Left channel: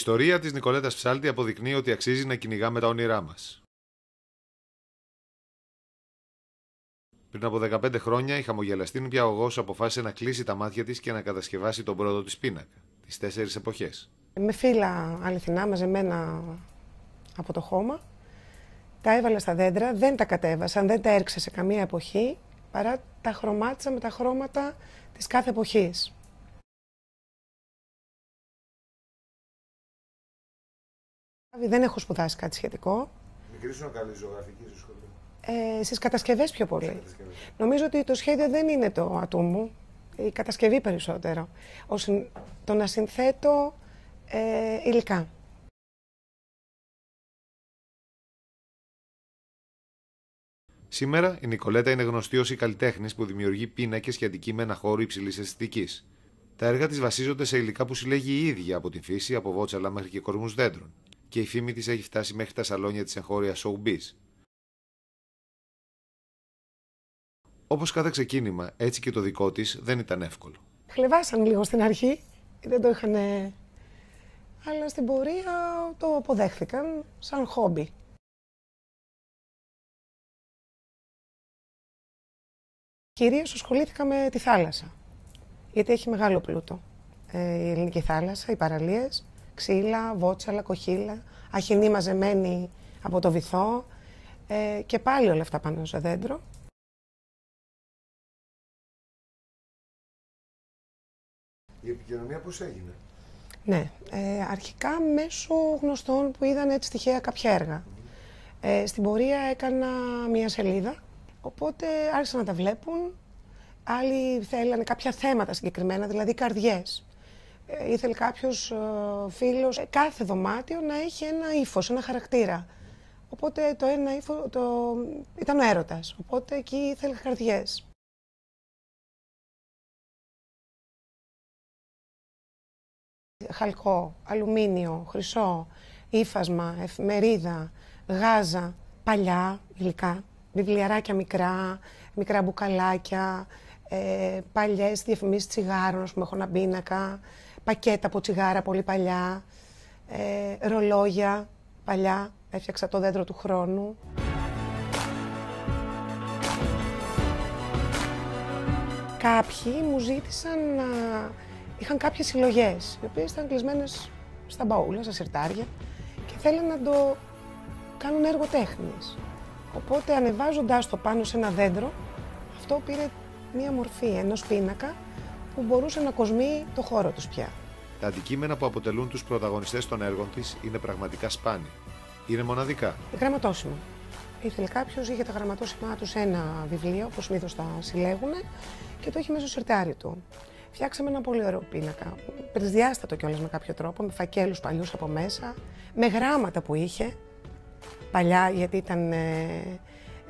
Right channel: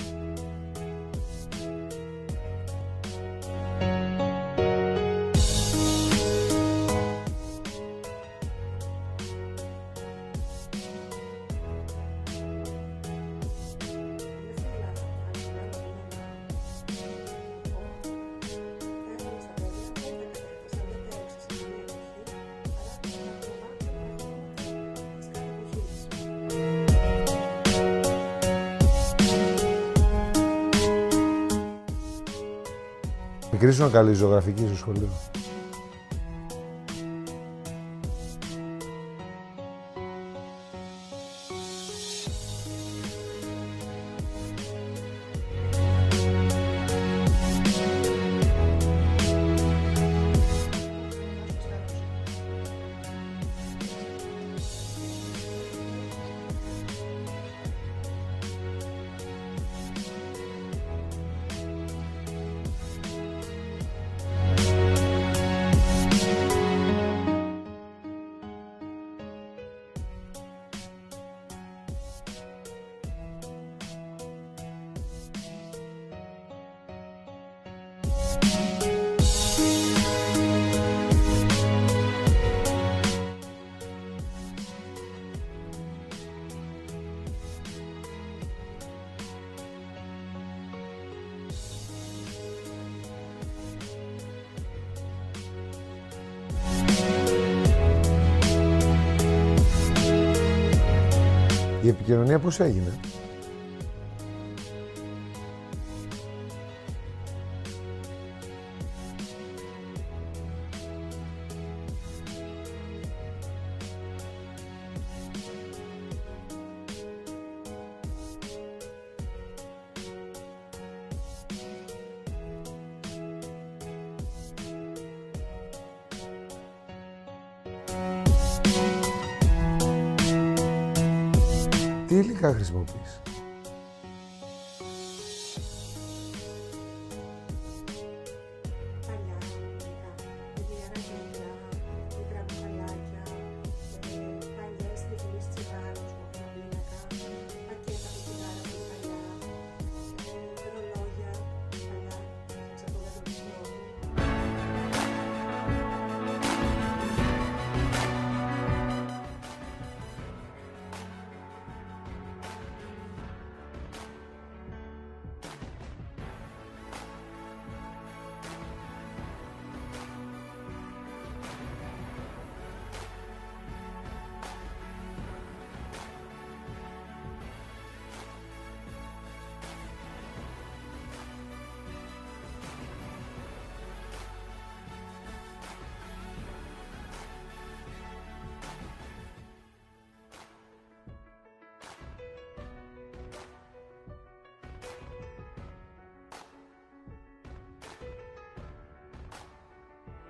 ιστορία της Νικολέτας Ψάλτη αποδεικνύει ότι αξίζει να κυνηγάμε τα όνειρά μας. Πριν από 15 χρόνια, η χαμογελαστή νηπιαγωγός αποφάσισε να κλείσει τα μάτια της και να κατασκευάσει τον πρώτο της πίνα, τις 4 εποχές. Με φύλλα αληθινά μαζεμένα από το χώμα, τα έβαλα στα δέντρα, δεν τα κατέβασαν, δεν τα έριξα σε καμία εποχή, παρά τα χρωμάτισα με τα χρώματα της κάθε εποχής. Δεν έχω σπουδάσει κάτι σχετικό. Μικρή ήσουν καλή ζωγραφική στο σχολείο. Στις κατασκευές πιο πολύ. Νομίζω ότι το σχέδιο δεν είναι το ατού μου, η κατασκευή περισσότερο. Το να συνθέτω υλικά. Σήμερα η Νικολέτα είναι γνωστή ως η καλλιτέχνης που δημιουργεί πίνακες και αντικείμενα χώρου υψηλής αισθητικής. Τα έργα της βασίζονται σε υλικά που συλλέγει η ίδια από τη φύση, από βότσαλα μαζί και κορμούς δέντρων. Και η φήμη της έχει φτάσει μέχρι τα σαλόνια της εγχώριας showbiz. Όπως κάθε ξεκίνημα, έτσι και το δικό της δεν ήταν εύκολο. Χλεβάσαν λίγο στην αρχή, δεν το είχαν, αλλά στην πορεία το αποδέχθηκαν σαν χόμπι. Κυρίως ασχολήθηκα με τη θάλασσα, γιατί έχει μεγάλο πλούτο. Η ελληνική θάλασσα, οι παραλίες, ξύλα, βότσαλα, κοχύλα, αχινή μαζεμένη από το βυθό και πάλι όλα αυτά πάνω στο δέντρο. Η επικοινωνία πώς έγινε? Ναι, αρχικά μέσω γνωστών που είδαν έτσι τυχαία κάποια έργα. Στην πορεία έκανα μία σελίδα, οπότε άρχισαν να τα βλέπουν. Άλλοι θέλανε κάποια θέματα συγκεκριμένα, δηλαδή καρδιές. Ήθελε κάποιος φίλος κάθε δωμάτιο να έχει ένα ύφος, ένα χαρακτήρα. Οπότε το ένα ύφος ήταν ο έρωτας, οπότε εκεί ήθελε καρδιές. Τι υλικά χρησιμοποιείς? Χαλκό, αλουμίνιο, χρυσό, ύφασμα, εφημερίδα, γάζα, παλιά υλικά, βιβλιαράκια μικρά μπουκαλάκια, παλιές διαφημίσεις τσιγάρων, ας πούμε, έχω ένα πίνακα, πακέτα από τσιγάρα πολύ παλιά, ρολόγια παλιά, έφτιαξα το δέντρο του χρόνου. Κάποιοι μου ζήτησαν να... Είχαν κάποιες συλλογές, οι οποίες ήταν κλεισμένες στα μπαούλα, στα συρτάρια και θέλαν να το κάνουν έργο τέχνης. Οπότε ανεβάζοντάς το πάνω σε ένα δέντρο, αυτό πήρε μία μορφή ενός πίνακα που μπορούσε να κοσμεί το χώρο τους πια. Τα αντικείμενα που αποτελούν τους πρωταγωνιστές των έργων της είναι πραγματικά σπάνια. Είναι μοναδικά. Γραμματόσημα. Ήθελε κάποιος, είχε τα γραμματόσημά του σε ένα βιβλίο, όπως συνήθως τα συλλέγουν, και το έχει μέσα στο συρτάρι του. Φτιάξαμε ένα πολύ ωραίο πίνακα, τρισδιάστατο κιόλας με κάποιο τρόπο, με φακέλους παλιούς από μέσα, με γράμματα που είχε, παλιά γιατί ήταν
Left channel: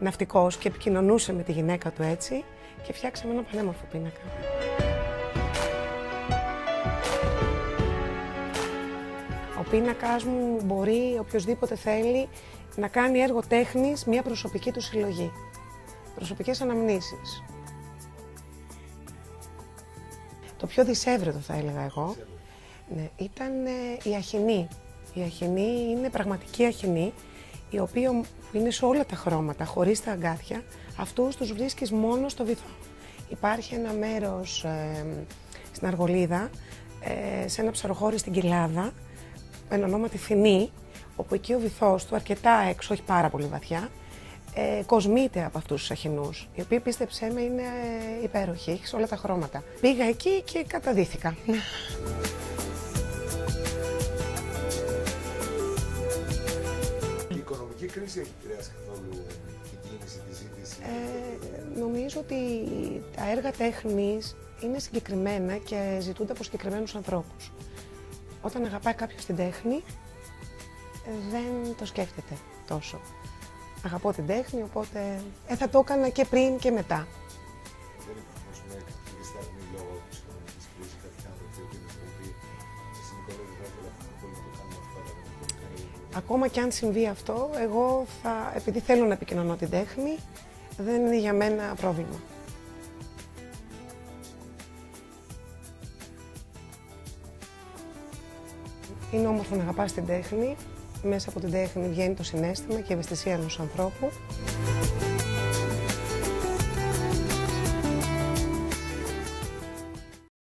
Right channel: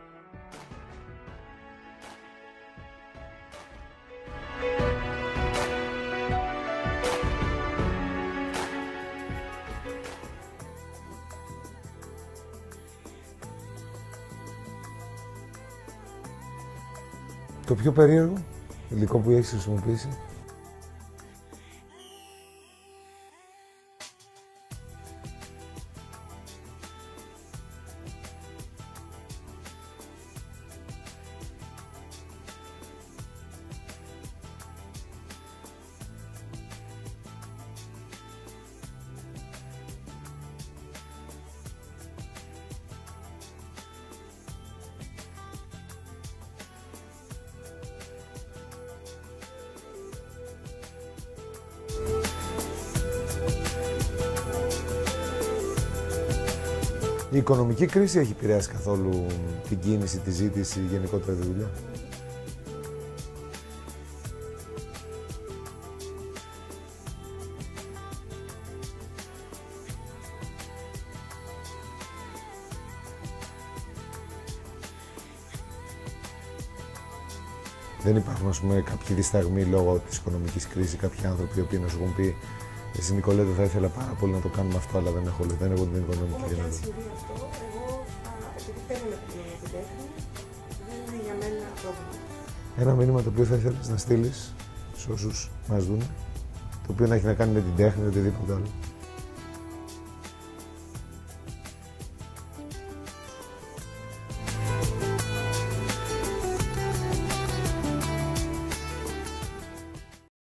ναυτικός και επικοινωνούσε με τη γυναίκα του έτσι, και φτιάξαμε ένα πανέμορφο πίνακα. Ο πίνακας μου μπορεί, οποιοσδήποτε θέλει, να κάνει έργο τέχνης μια προσωπική του συλλογή. Προσωπικές αναμνήσεις. Το πιο περίεργο υλικό που έχεις χρησιμοποιήσει? Το πιο δυσέβρετο θα έλεγα εγώ, ναι, ήταν η αχινή. Η αχινή είναι πραγματική αχινή, η οποία είναι σε όλα τα χρώματα, χωρίς τα αγκάθια. Αυτούς τους βρίσκεις μόνο στο βυθό. Υπάρχει ένα μέρος στην Αργολίδα, σε ένα ψαροχώρι στην Κοιλάδα, με ονόματι Θηνή, όπου εκεί ο βυθός του, αρκετά έξω, όχι πάρα πολύ βαθιά, κοσμείται από αυτούς τους αχινούς, οι οποίοι, πίστεψέ με, είναι υπέροχοι, έχει όλα τα χρώματα. Πήγα εκεί και καταδύθηκα. Η οικονομική κρίση έχει επηρεάσει καθόλου την κίνηση, τη ζήτηση, γενικότερα τη δουλειά? Νομίζω ότι τα έργα τέχνης είναι συγκεκριμένα και ζητούνται από συγκεκριμένους ανθρώπους. Όταν αγαπάει κάποιος την τέχνη, δεν το σκέφτεται τόσο. Αγαπώ την τέχνη, οπότε θα το έκανα και πριν και μετά. Δεν υπάρχουν, ας πούμε, κάποιοι δισταγμοί λόγω της οικονομικής κρίσης, κάποιοι άνθρωποι που να σου έχουν πει «Εσύ, Νικολέτα, θα ήθελα πάρα πολύ να το κάνουμε αυτό, αλλά δεν έχω την οικονομική». Ακόμα και αν συμβεί αυτό, εγώ επειδή θέλω να επικοινωνώ την τέχνη, δεν είναι για μένα πρόβλημα. Ένα μήνυμα το οποίο θα ήθελες να στείλεις σε όσους μας δουν το οποίο να έχει να κάνει με την τέχνη, οτιδήποτε άλλο. Είναι όμορφο να αγαπάς την τέχνη. Μέσα από την τέχνη βγαίνει το συναίσθημα και η ευαισθησία ενός ανθρώπου.